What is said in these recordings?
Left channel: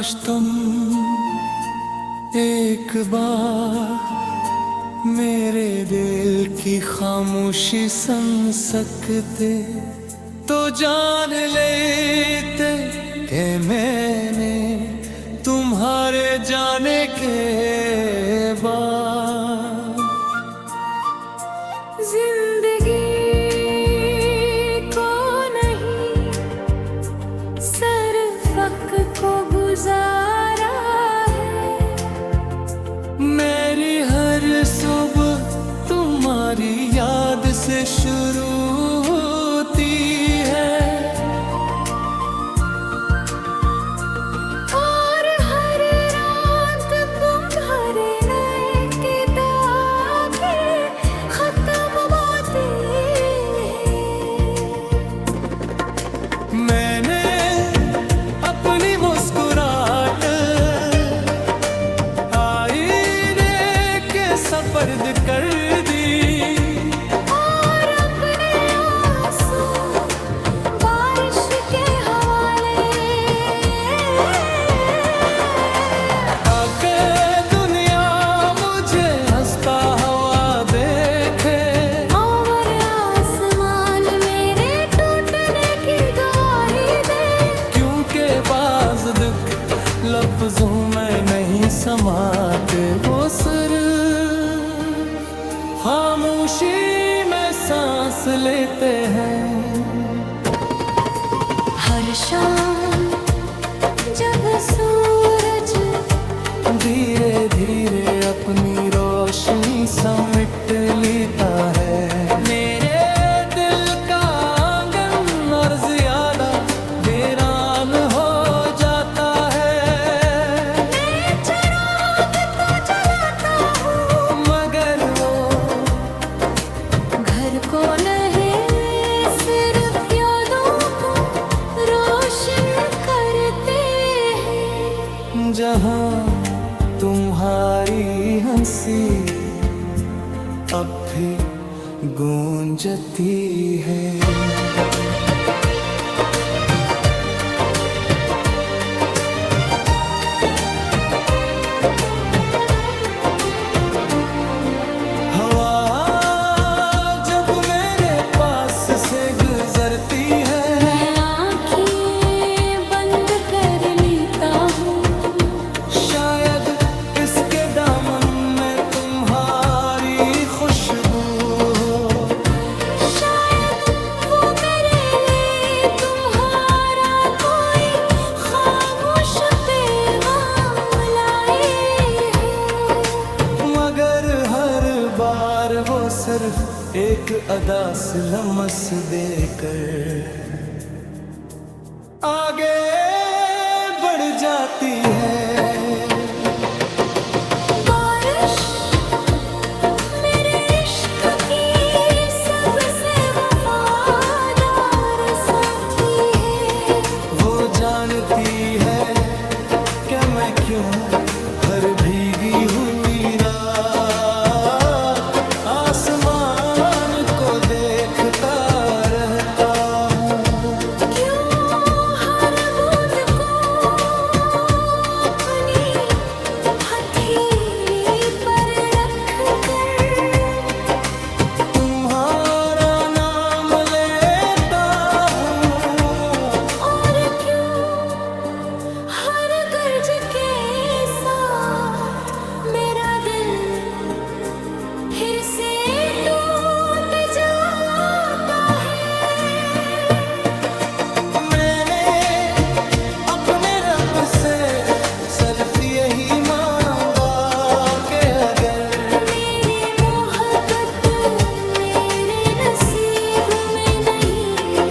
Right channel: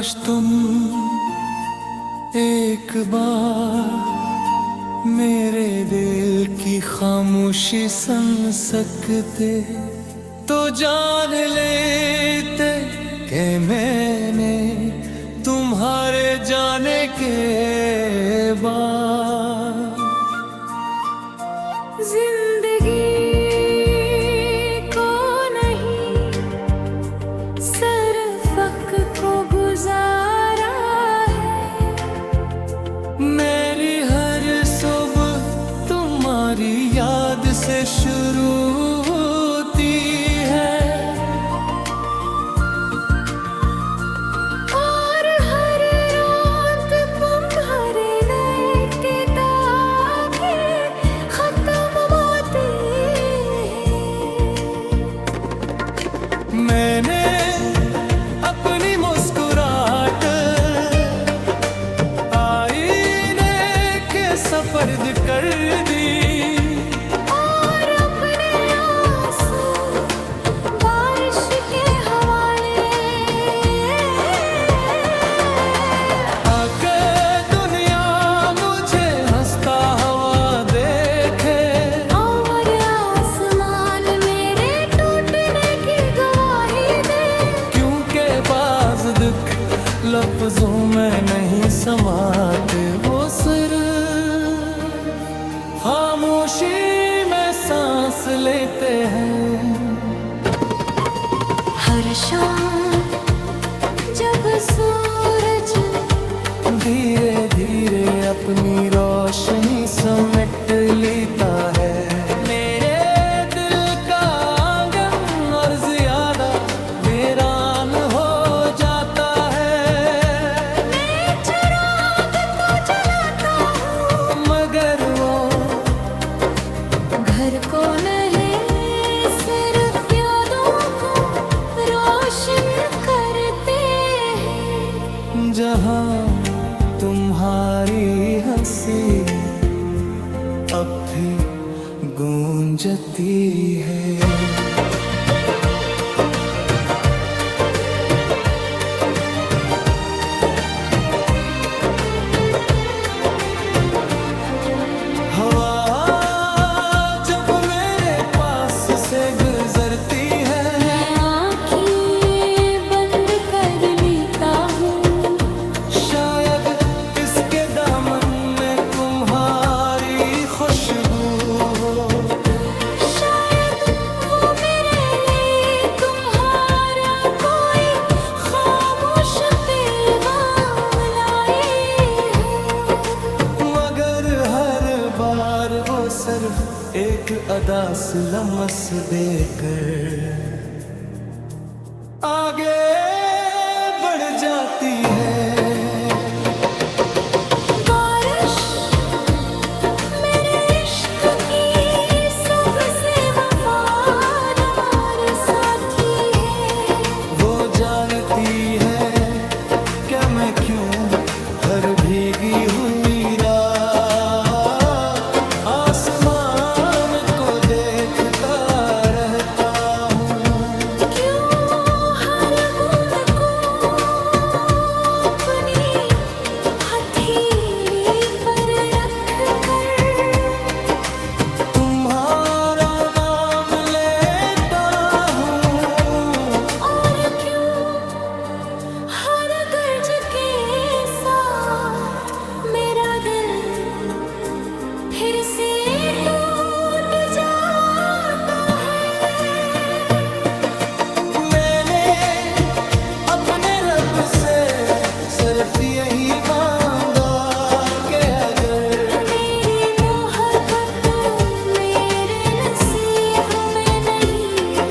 काश तुम एक बार मेरे दिल की खामोशी सुन सकते तो जान लेते कि मैंने तुम्हारे जाने के बाद जिंदगी को नहीं सिर्फ वक्त को गुजारा है। मेरी हर सुबह तुम्हारी याद से शुरू होती है और हर रात तुम्हारे नए किताबें खत्म होती है। मैंने अपनी मुस्कुराहट आईने के सपर्द कर दी और अपने आंसू बारिश के हवाले। आकर दुनिया मुझे हंसता हुआ देखे और आसमान मेरे टूटने की गवाही दे। क्योंकि बाज़ दुख लफ्जों में नहीं समाते, वो सिर्फ खामोशी में सांस लेते हैं। हर शाम जब सूरज धीरे धीरे अपनी रोशनी समेट लेता है मेरे दिल का आंगन और ज्यादा वीरान हो जाता है। मैं चिराग तो जलाता हूँ मगर वो घर को नहीं सिर्फ यादों को रोशन करते हैं। जहाँ तुम्हारी हंसी अब भी गूंजती है। हवा जब मेरे पास से गुजरती है मैं आँखें बंद कर लेता हूँ। शायद इसके दामन में तुम्हारी खुशबू हो। शायद वो मेरे लिए तुम्हारा कोई खामोश पैगाम लाई हो। मगर हर बार वो सिर्फ एक अदा से लम्स देकर आगे बढ़ जाती है। बारिश मेरे इश्क की सबसे वफादार साथी है। वो जानती है कि मैं क्यों हर भीगी हुई रात आसमान को देखता रहता हूँ। क्यों हर बूंद को अपनी हथेली पर रख कर तुम्हारा नाम लेता हूँ। और क्यों हर गर्ज के साथ मेरा दिल फिर से टूट जाता है। मैंने अपने रब से सिर्फ यही मांगा कि अगर मेरी मोहब्बत मेरे नसीब में नहीं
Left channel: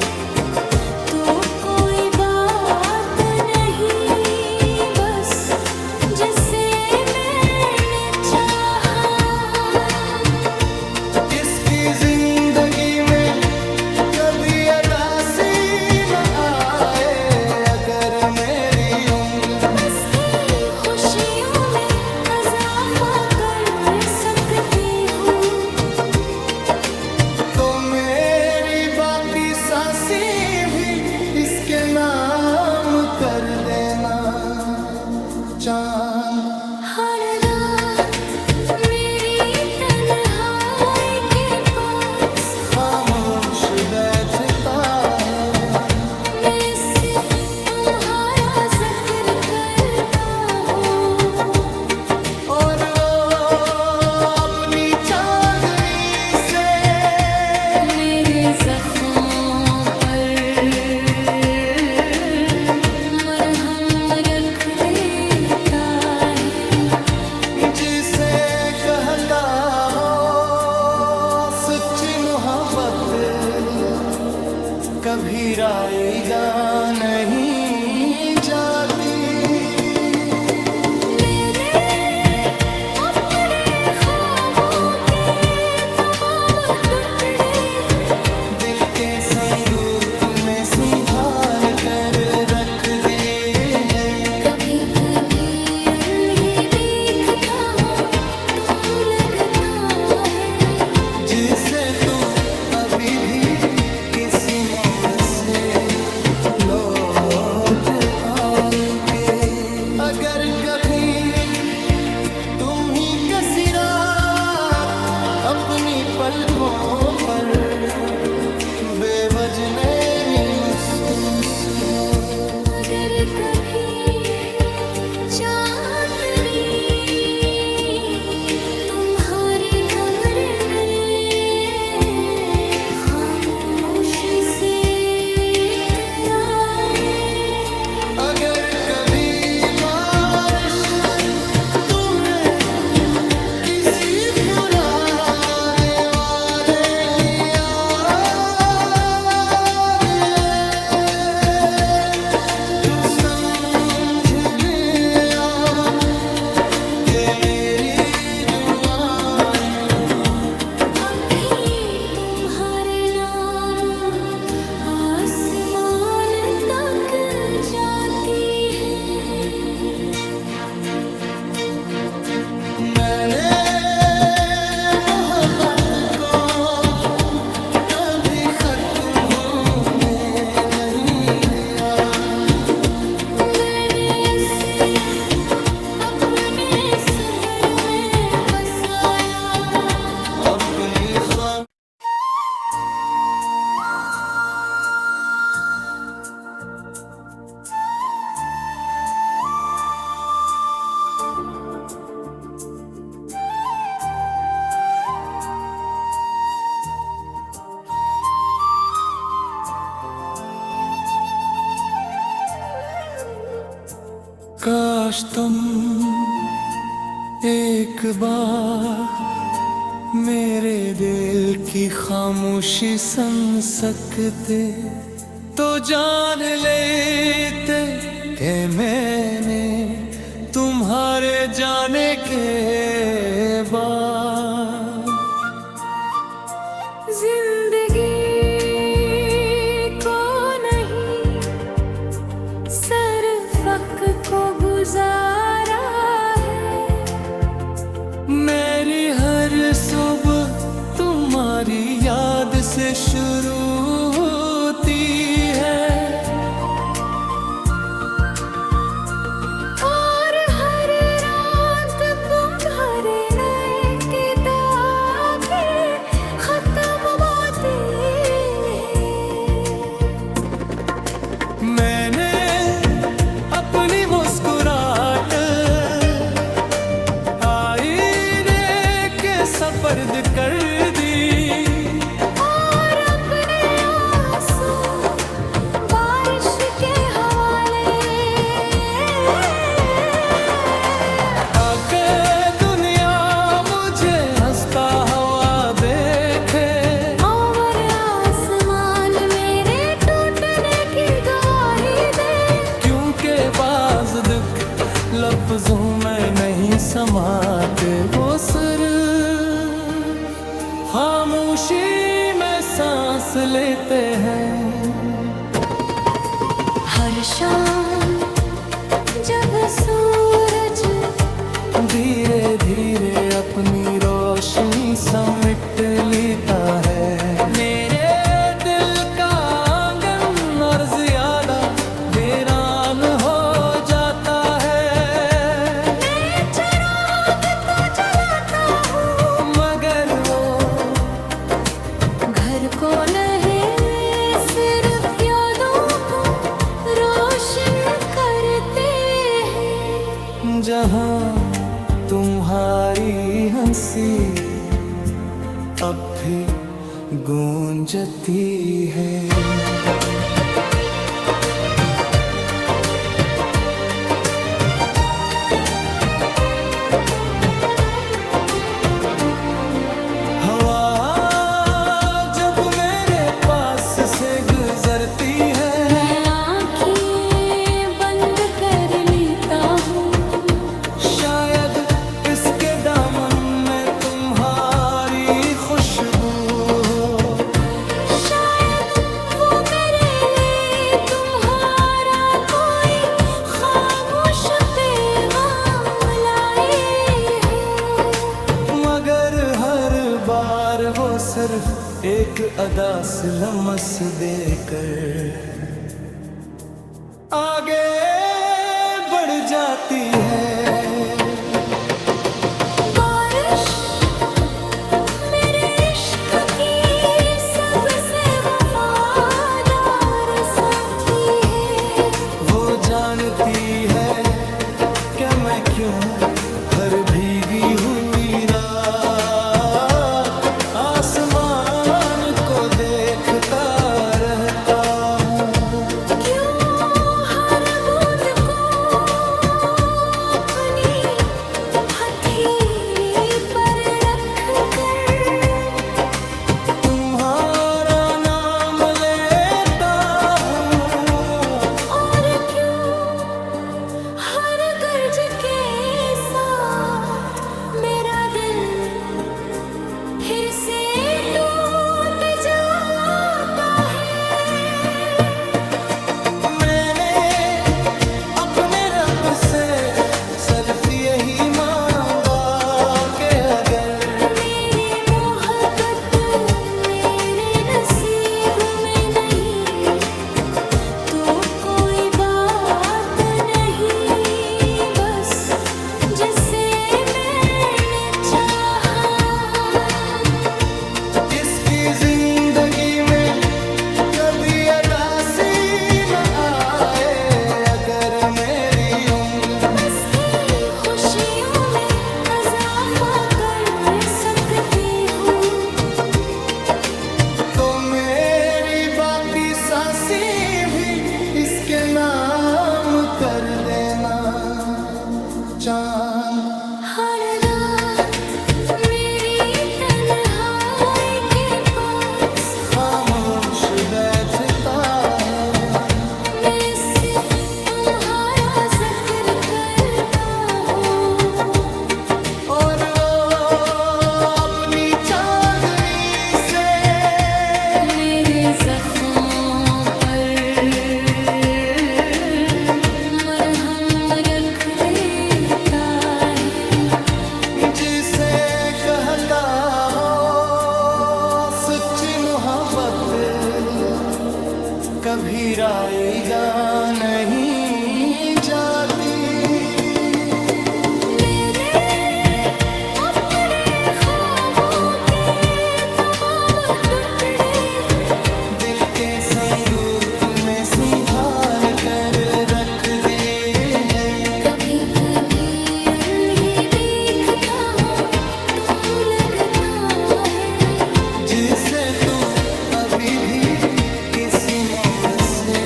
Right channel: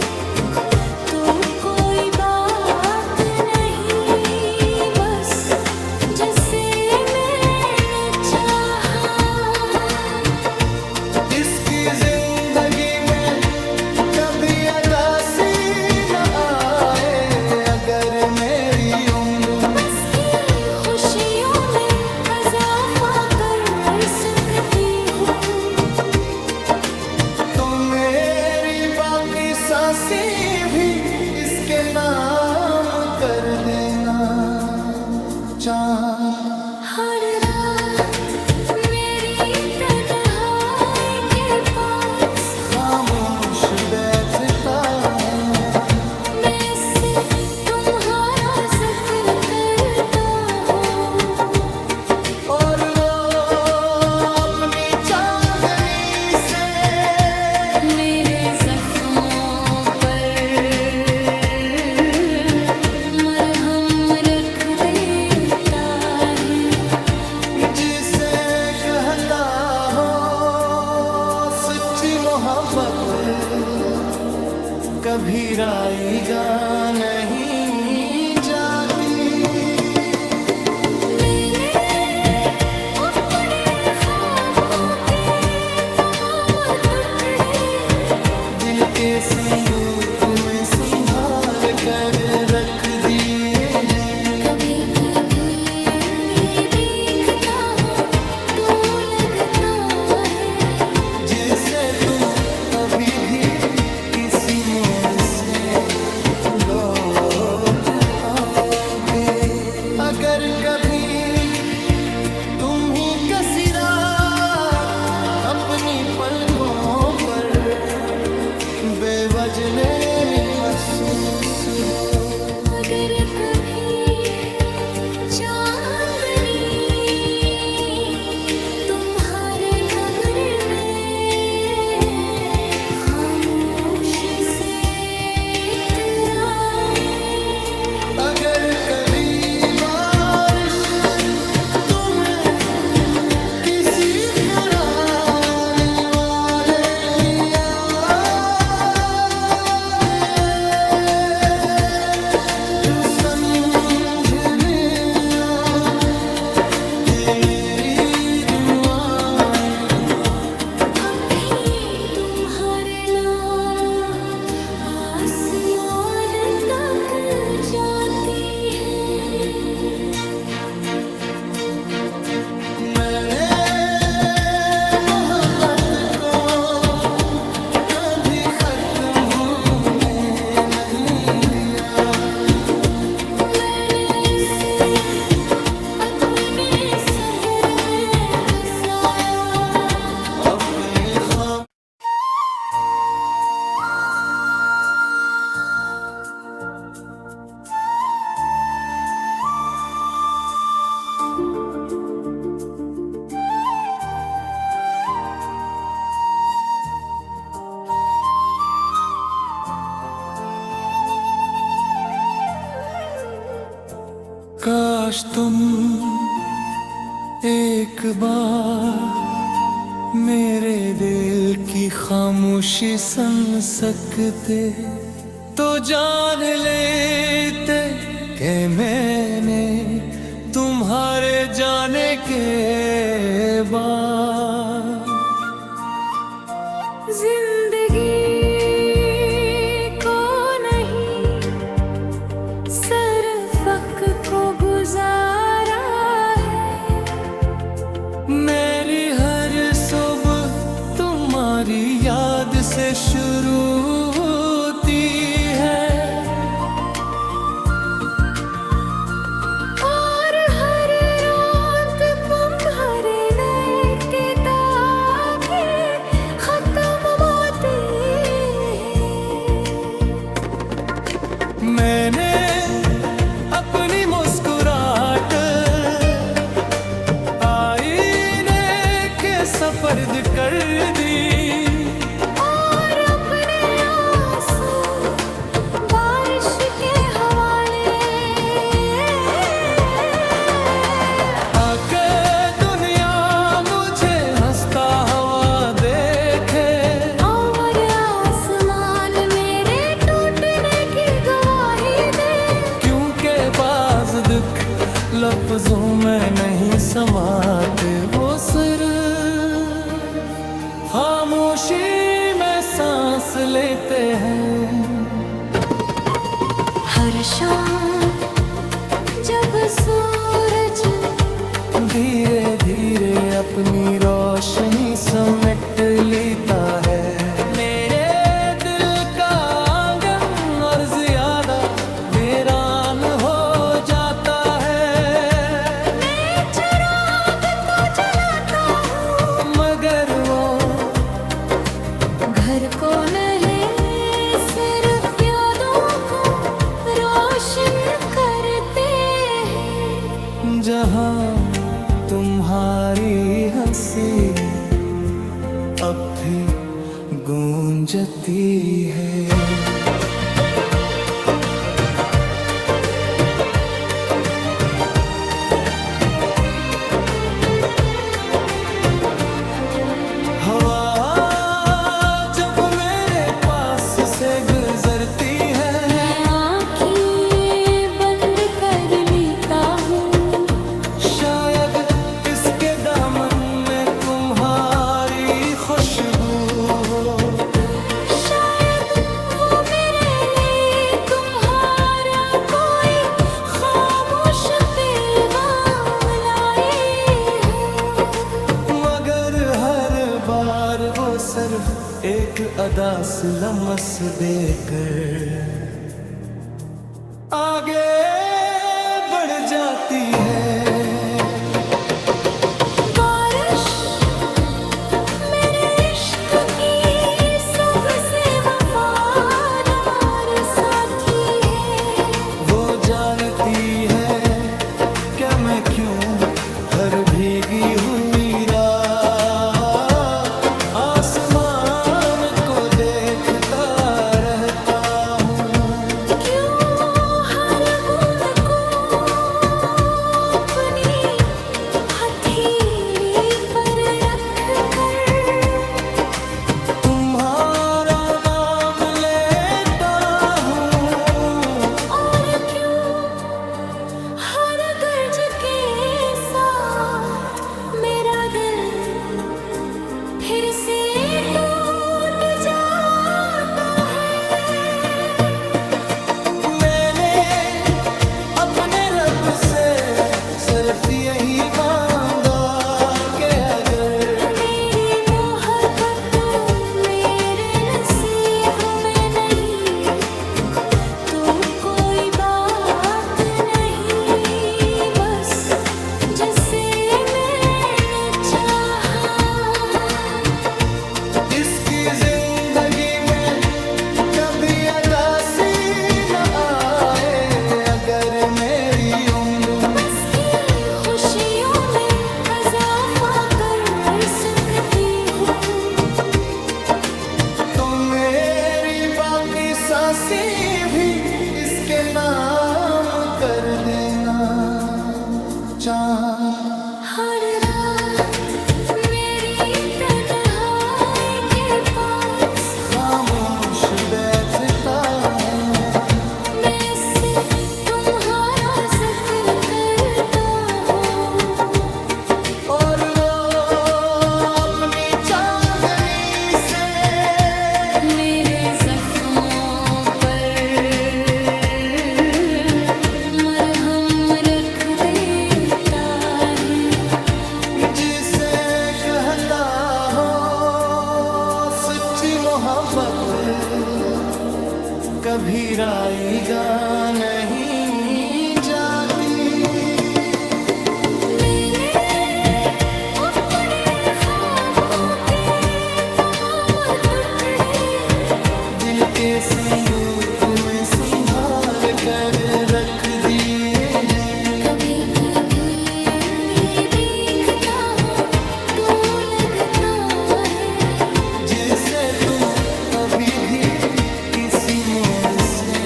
तो कोई बात नहीं, बस जिसे मैंने चाहा। इसकी जिंदगी में कभी अदासी न आए, अगर मेरी उम्र में बस की खुशियों में इजाफा कर सकती हूँ तो मेरी बाकी सांसें भी इसके नाम कर देना। चांद। हर रात मेरी तन्हाई के पास खामोश बैठता है, मैं से तुम्हारा जिक्र करता हूँ। और वो अपनी चांदनी से मेरे जख्मों पर मरहम रख देता है। जिसे कहता हो सच्ची मोहब्बत, कभी राईगा नहीं जाती। मैंने अपने ख्वाबों के तमाम टुकड़े दिल के संदूक में संभाल कर रख दिए हैं। कभी कभी अल्लाह देखता हूँ तो लगता है जिसे तुम अभी भी किसी मोड़ से लौट आओगे। अगर कभी तुम ही किसी रात अपनी पलकों पर बेवजनी महसूस हो, अगर कभी चांदनी तुम्हारे कमरे में खामोशी से इतराए, अगर कभी बारिश तुम्हें किसी पुराने वादे की याद आए, तू समझ लिया कि मेरी दुआएं अब भी तुम्हारे नाम आसमान तक जाती है। मैंने मोहब्बत को कभी खत्म होने नहीं दिया। मैंने इसे अपने सब्र में बसाया। अपनी खाम काश तुम एक बार मेरे दिल की खामोशी सुन सकते तो जान लेते कि मैंने तुम्हारे जाने के बाद जिंदगी को नहीं सिर्फ वक्त को गुजारा है। मेरी हर सुबह तुम्हारी याद से शुरू होती है, और हर रात तुम्हारे नए किताबें खत्म होती है। मैंने अपनी मुस्कुराहट आईने के सपर्द कर दी, और अपने आंसू बारिश के हवाले। आकर दुनिया मुझे हंसता हुआ देखे, और आसमान मेरे टूटने की गवाही दे। क्योंकि बाज़ दुख लफ्जों में नहीं समाते, वो सिर्फ खामोशी में सांस लेते हैं। हर शाम जब सूरज धीरे धीरे अपनी रोशनी समेट लेता है, मेरे दिल का आंगन और ज्यादा वीरान हो जाता है। घर को नहीं सिर्फ यादों को रोशन करते हैं। जहाँ तुम्हारी हंसी अब भी गूंजती है। हवा जब मेरे पास से गुजरती है, मैं आँखें बंद कर लेता हूँ। शायद इसके दामन में तुम्हारी खुशबू हो। शायद वो मेरे लिए तुम्हारा कोई खामोश पैगाम लाए हो। मगर हर बार वो सिर्फ एक अदा से लम्स देकर आगे बढ़ जाती है। बारिश मेरे इश्क की सबसे वफादार साथी है। वो जानती है कि मैं क्यों हर भीगी हुई रात आसमान को देखता रहता हूँ। क्यों हर बूंद को अपनी हथेली पर रख कर तुम्हारा नाम लेता हूँ। और क्यों हर गर्ज के साथ मेरा दिल फिर से टूट जाता है। मैंने अपने रब से सिर्फ यही मांगा कि अगर मेरी मोहब्बत मेरे नसीब में नहीं तो कोई बात नहीं, बस जिसे मैंने चाहा। इसकी जिंदगी में कभी उदासी न आए। अगर मेरी उम्र में बस की खुशियों में इजाफा कर सकती हूँ तो मेरी बाकी सांसें भी इसके नाम कर देना। चांद हर रात मेरी तन्हाई के पास खामोश बैठता है। मैं से तुम्हारा जिक्र करता हूँ। और वो अपनी चांदनी से मेरे जख्मों पर मरहम रख देता है। जिसे कहता हो सच्ची मोहब्बत कभी राईगा नहीं जाती। मैंने अपने ख्वाबों के तमाम टुकड़े दिल के संदूक में संभाल कर रख दिए हैं। कभी कभी उन्हें देखता हूँ तो लगता है जिसे तुम अभी भी किसी मोड़ से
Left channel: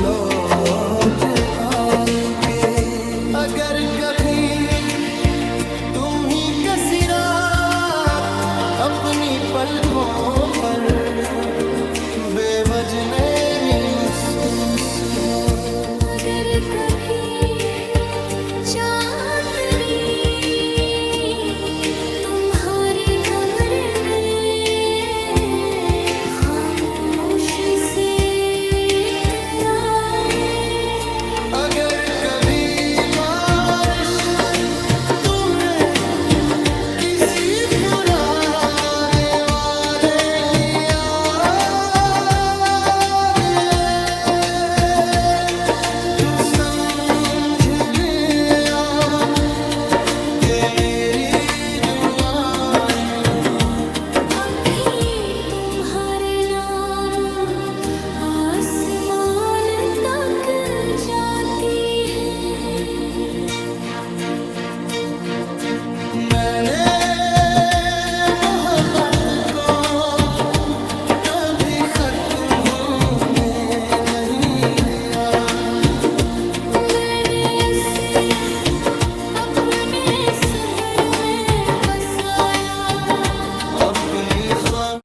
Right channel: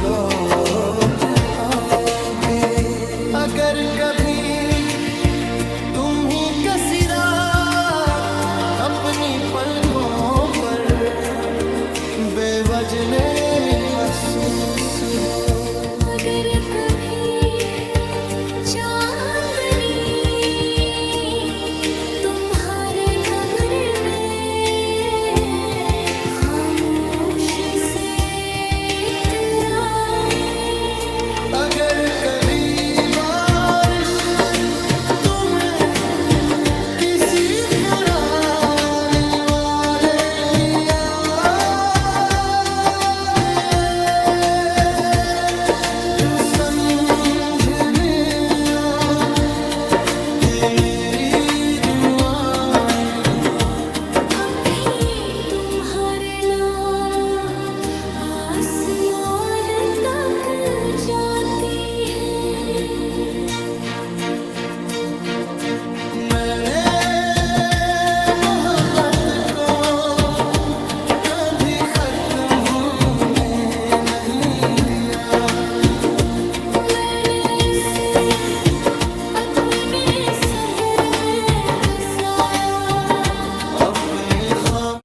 लौट आओगे। अगर कभी तुम ही किसी रात अपनी पलकों पर बेवजनी महसूस हो। अगर कभी चांदनी तुम्हारे कमरे में खामोशी से इतराए। अगर कभी बारिश तुम्हें किसी पुराने वादे की याद आए तू समझ लिया कि मेरी दुआएं अब भी तुम्हारे तुम्होंने नहीं दिया। मैंने इसे अपने सब्र में बसाया। अपनी खाम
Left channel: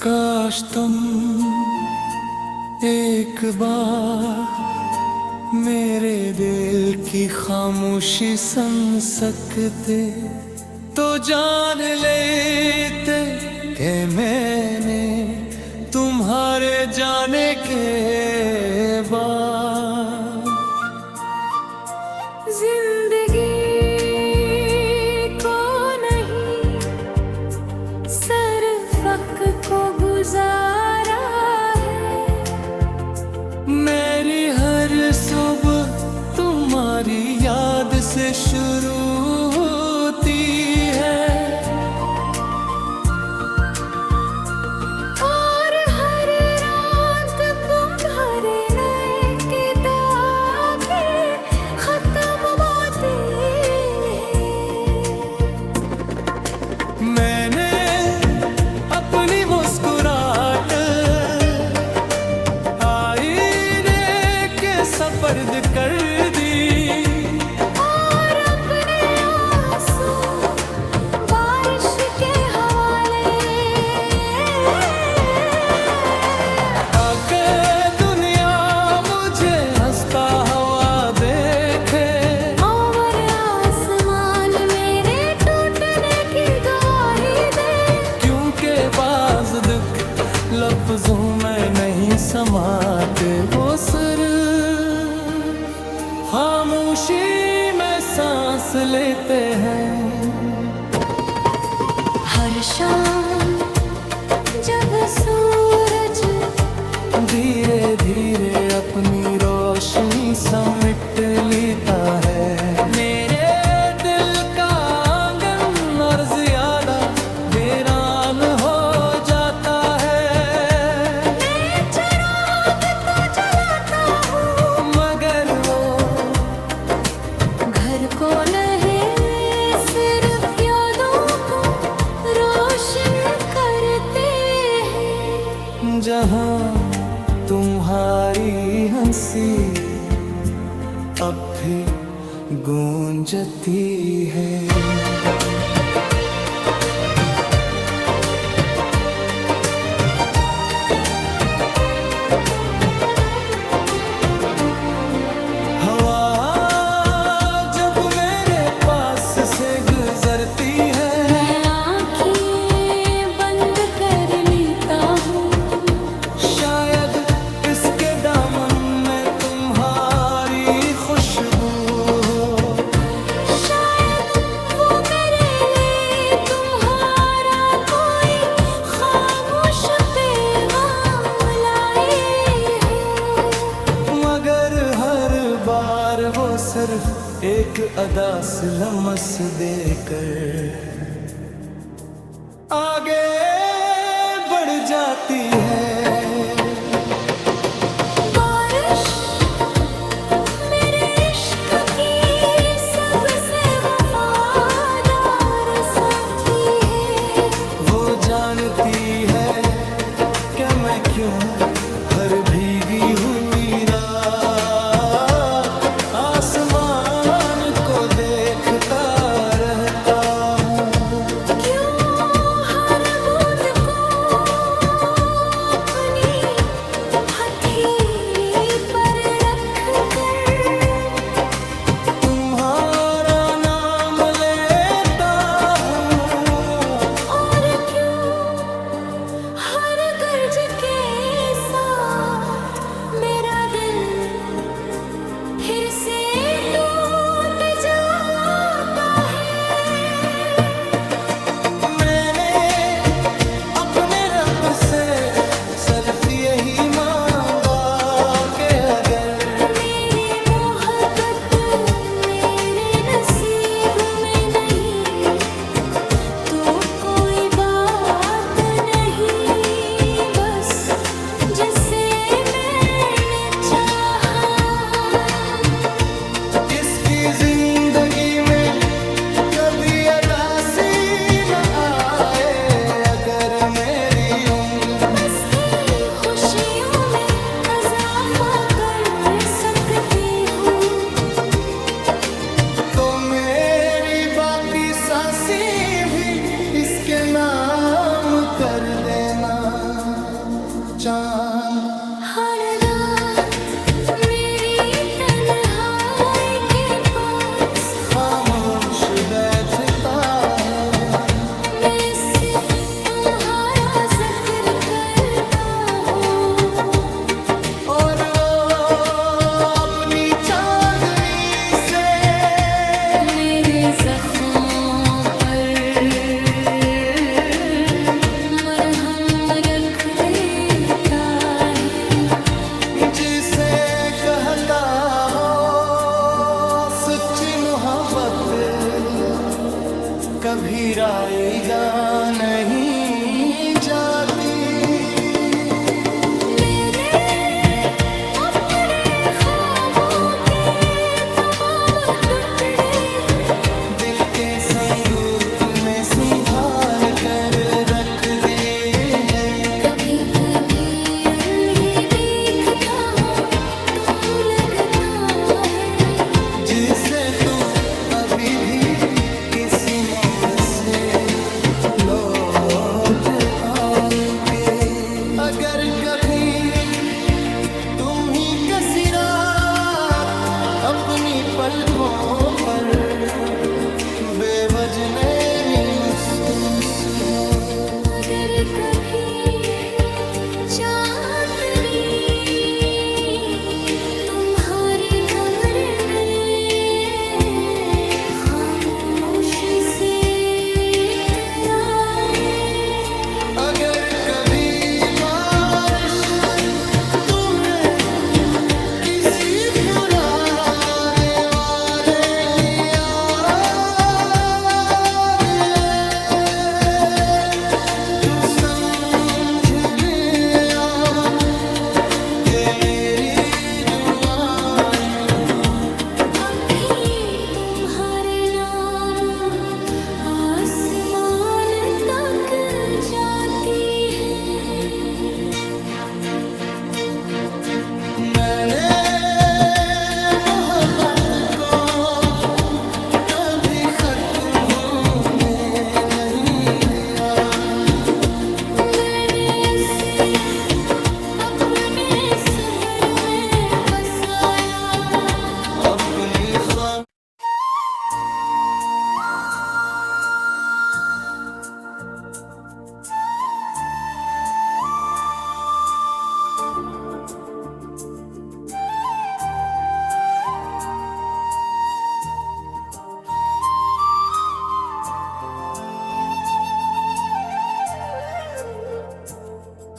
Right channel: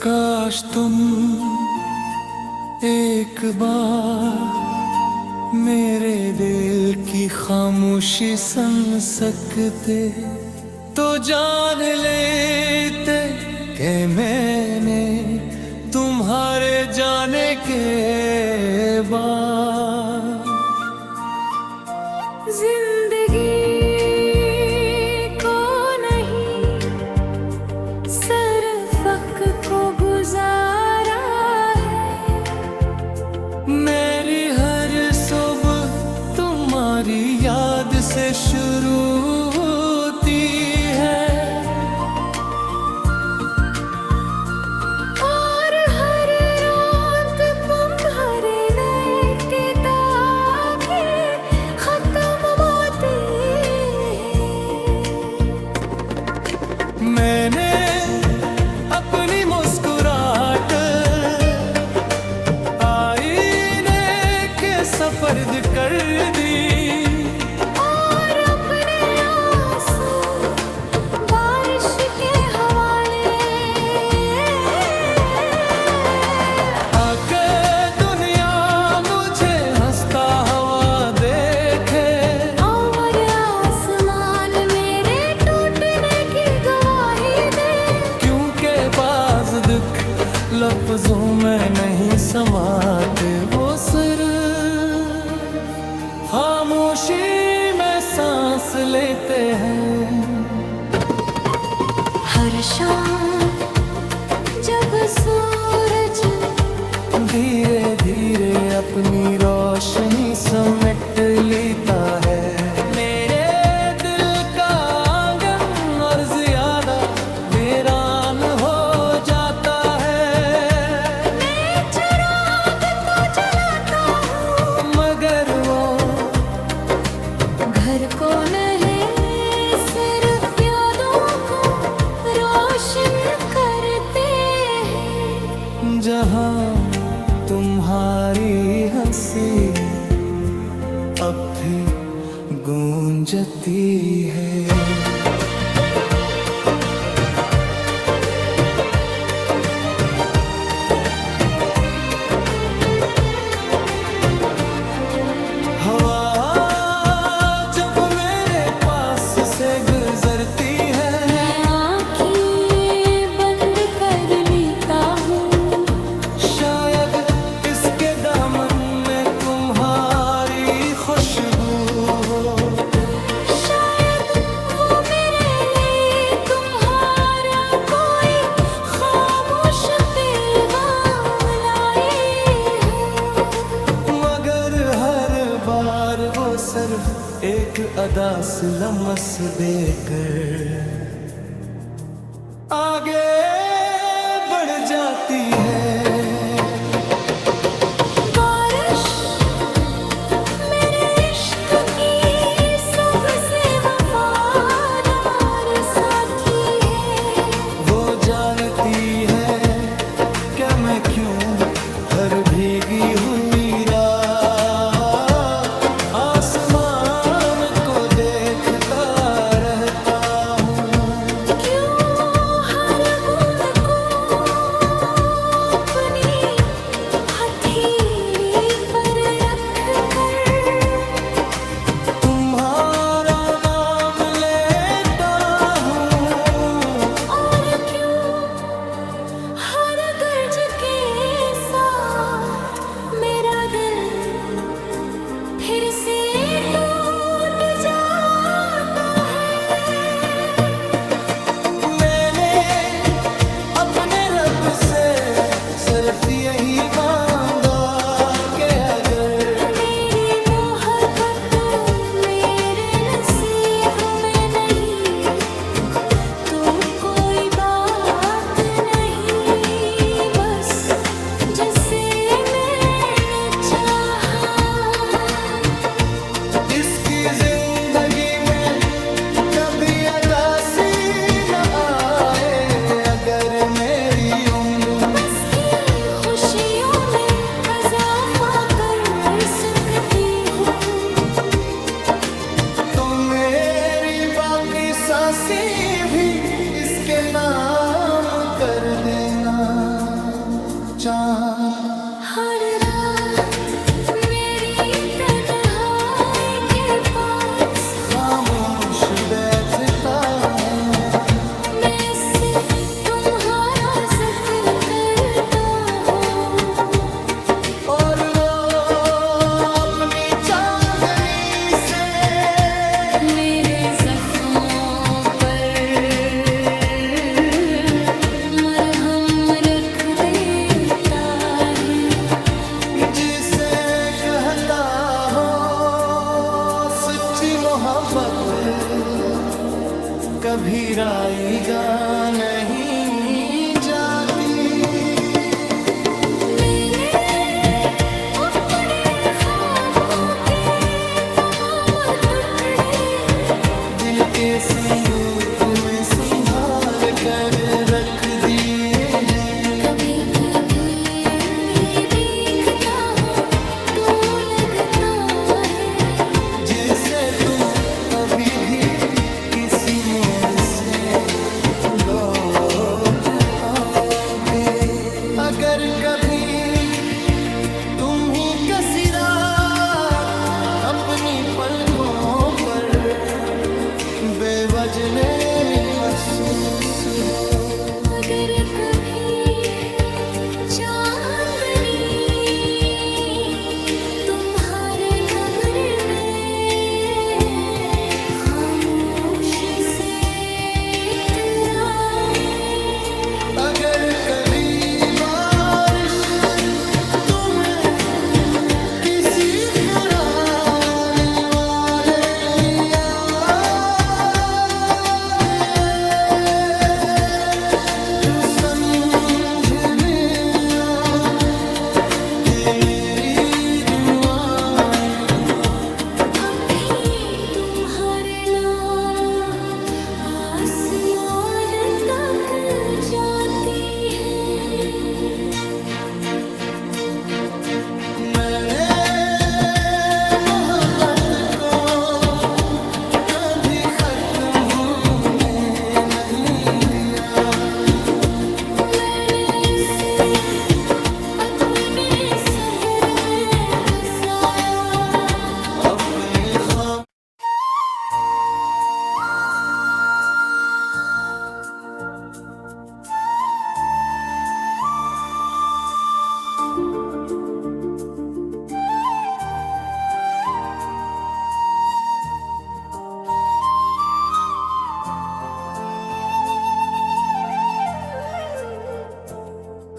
काश तुम एक बार मेरे दिल की खामोशी सुन सकते तो जान लेते कि मैंने तुम्हारे जाने के बाद जिंदगी को नहीं सिर्फ वक्त को गुजारा है। मेरी हर सुबह तुम्हारी याद से शुरू होती है और हर रात तुम्हारे नए किताबें खत्म होती है। मैंने अपनी मुस्कुराहट आईने के सपर्द कर दी और अपने आंसू बारिश के हवाले। आकर दुनिया मुझे हंसता हुआ देखे और आसमान मेरे टूटने की गवाही दे। क्योंकि बाज़ दुख लफ्जों में नहीं समाते, वो सिर्फ खामोशी में सांस लेते हैं। हर शाम जब सूरज धीरे धीरे अपनी रोशनी समेट लेता है मेरे दिल का आंगन और ज्यादा वीरान हो जाता है। मैं चिराग तो जलाता हूँ मगर वो घर को नहीं सिर्फ यादों को रोशन करते हैं। जहाँ तुम्हारी हंसी अब भी गूंजती है। हवा जब मेरे पास से गुजरती है मैं आँखें बंद कर लेता हूँ। शायद इसके दामन में तुम्हारी खुशबू हो। शायद वो मेरे लिए तुम्हारा कोई खामोश पैगाम लाई हो। मगर हर बार वो सिर्फ एक अदा से लम्स देकर आगे बढ़ जाती है। बारिश मेरे इश्क की सबसे वफादार साथी है। वो जानती है कि मैं क्यों हर भीगी हुई रात आसमान को देखता रहता हूँ। क्यों हर बूंद को अपनी हथेली पर रख कर तुम्हारा नाम लेता हूँ। और क्यों हर गर्ज के साथ मेरा दिल फिर से टूट जाता है। मैंने अपने रब से सिर्फ यही मांगा कि अगर मेरी मोहब्बत मेरे नसीब में जिसकी जिंदगी में कभी उदासी न आए, अगर मेरी उम्र में बस की खुशियों में इजाफा कर सकती हूँ, तो मेरी बाकी सांसें भी इसके नाम कर देना। चांद हर रात मेरी तन्हाई के पास खामोश बैठता है, मैं से तुम्हारा जिक्र करता हूँ, और वो अपनी चांदनी से मेरे जख्मों पर मरहम रख देता है। जिसे कहता हो सच्ची मोहब्बत, कभी राईगा नहीं जाती। मैंने अपने ख्वाबों के तमाम टुकड़े दिल के संदूक में संभाल कर रख दिए हैं। कभी कभी अल्लाह देखता हूँ तो लगता है जिसे तुम अभी भी किसी मोड़ से लौट आओगे। अगर कभी तुम ही किसी रात अपनी पलकों पर बेवजनी महसूस हो, अगर कभी चांदनी तुम्हारे कमरे में खामोशी से इतराए, अगर कभी बारिश तुम्हें किसी पुराने वादे की याद आए, तू समझ लिया कि मेरी दुआएं अब भी तुम्हारे नाम आसमान तक जाती है। मैंने मोहब्बत को कभी खत्म होने नहीं दिया। मैंने इसे अपने सब्र में बसाया, अपनी खाम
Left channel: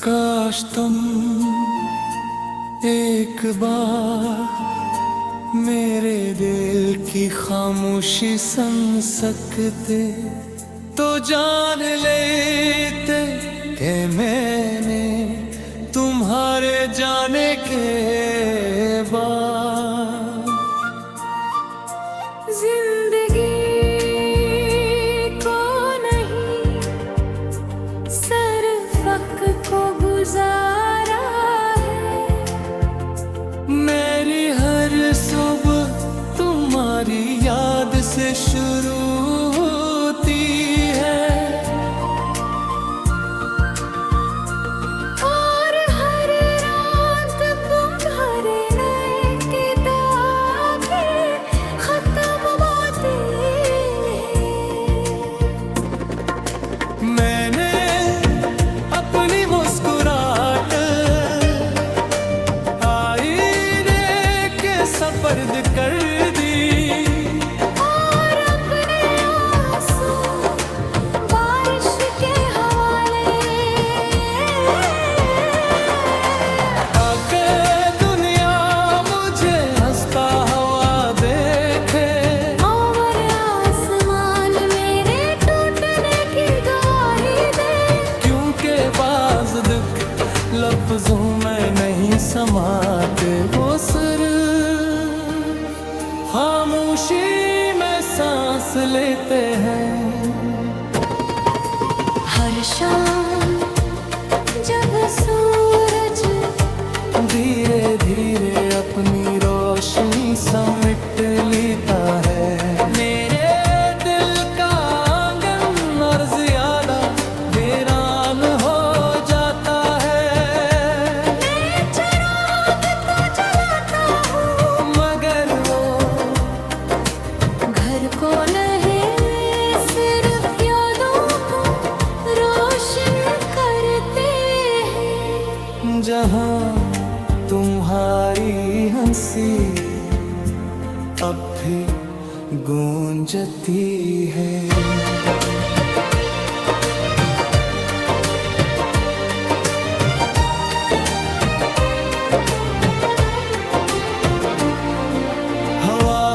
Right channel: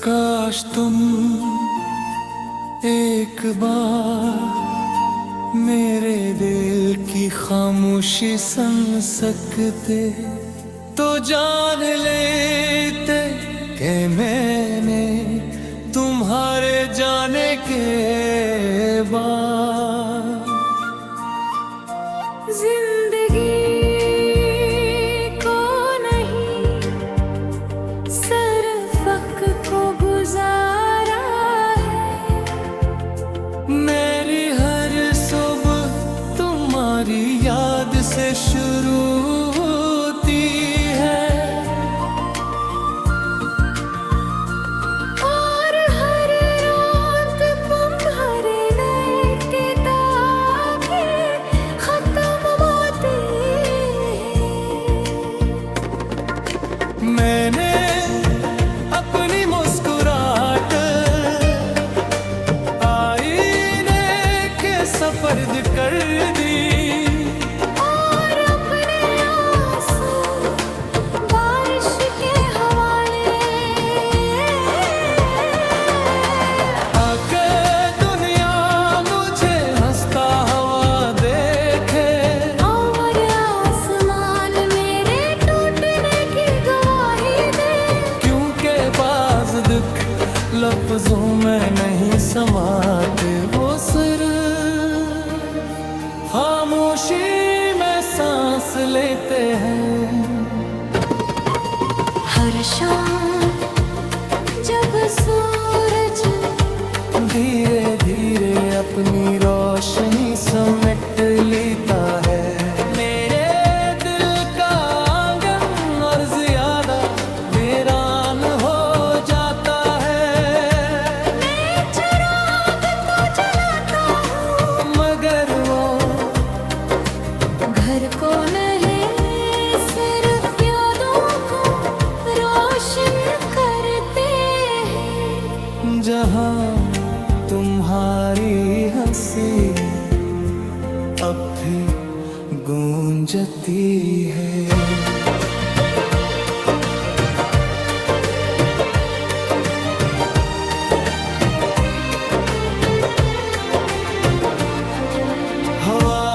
काश तुम एक बार मेरे दिल की खामोशी सुन सकते, तो जान लेते कि मैंने तुम्हारे जाने के बाद जिंदगी को नहीं सिर्फ वक्त को गुजारा है। मेरी हर सुबह तुम्हारी याद से शुरू होती है, और हर रात तुम्हारे नए किताबें खत्म होती है। मैंने अपनी मुस्कुराहट आईने के सपर्द कर दी, और अपने आंसू बारिश के हवाले, आकर दुनिया मुझे हंसता हुआ देखे, और आसमान मेरे टूटने की गवाही दे। क्योंकि बाज़ दुख लफ्जों में नहीं समाते, वो सिर्फ खामोश खामोशी में सांस लेते हैं। हर शाम जब सूरज धीरे धीरे अपनी रोशनी समेट लेता है, मेरे दिल का आंगन और ज्यादा वीरान हो जाता है। मैं चिराग तो जलाता हूँ मगर वो घर को नहीं, सिर्फ यादों को रोशन करते हैं। जहाँ तुम्हारी हंसी अब भी गूंजती है। हवा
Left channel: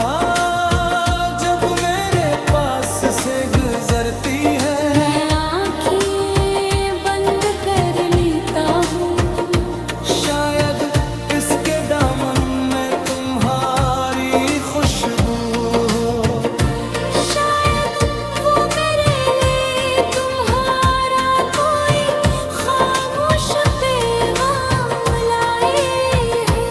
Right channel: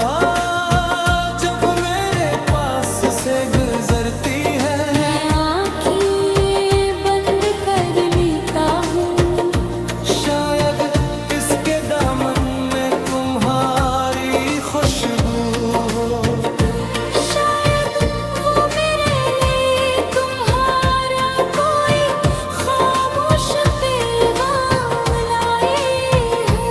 जब मेरे पास से गुजरती है, मैं आँखें बंद कर लेता हूँ। शायद इसके दामन में तुम्हारी खुशबू हो, शायद वो मेरे लिए तुम्हारा कोई खामोश पैगाम लाए हो।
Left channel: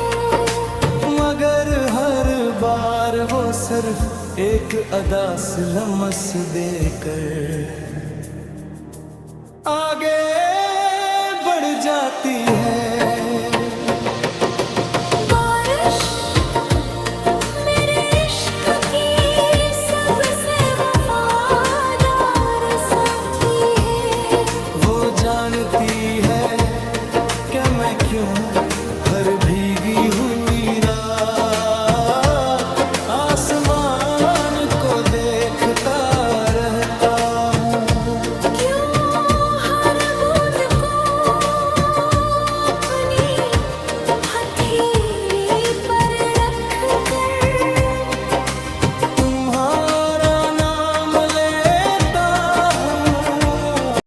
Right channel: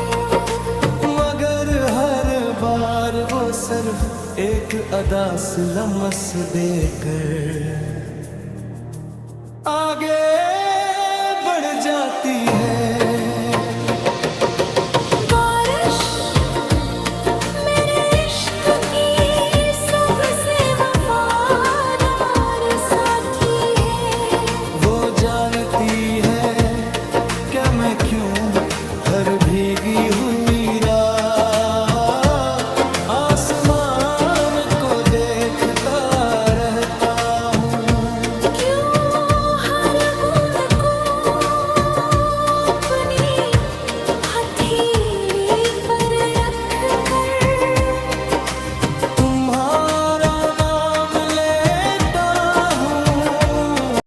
मगर हर बार वो सिर्फ एक अदा से लम्स देकर आगे बढ़ जाती है। बारिश मेरे इश्क की सबसे वफादार साथी है। वो जानती है कि मैं क्यों हर भीगी हुई रात आसमान को देखता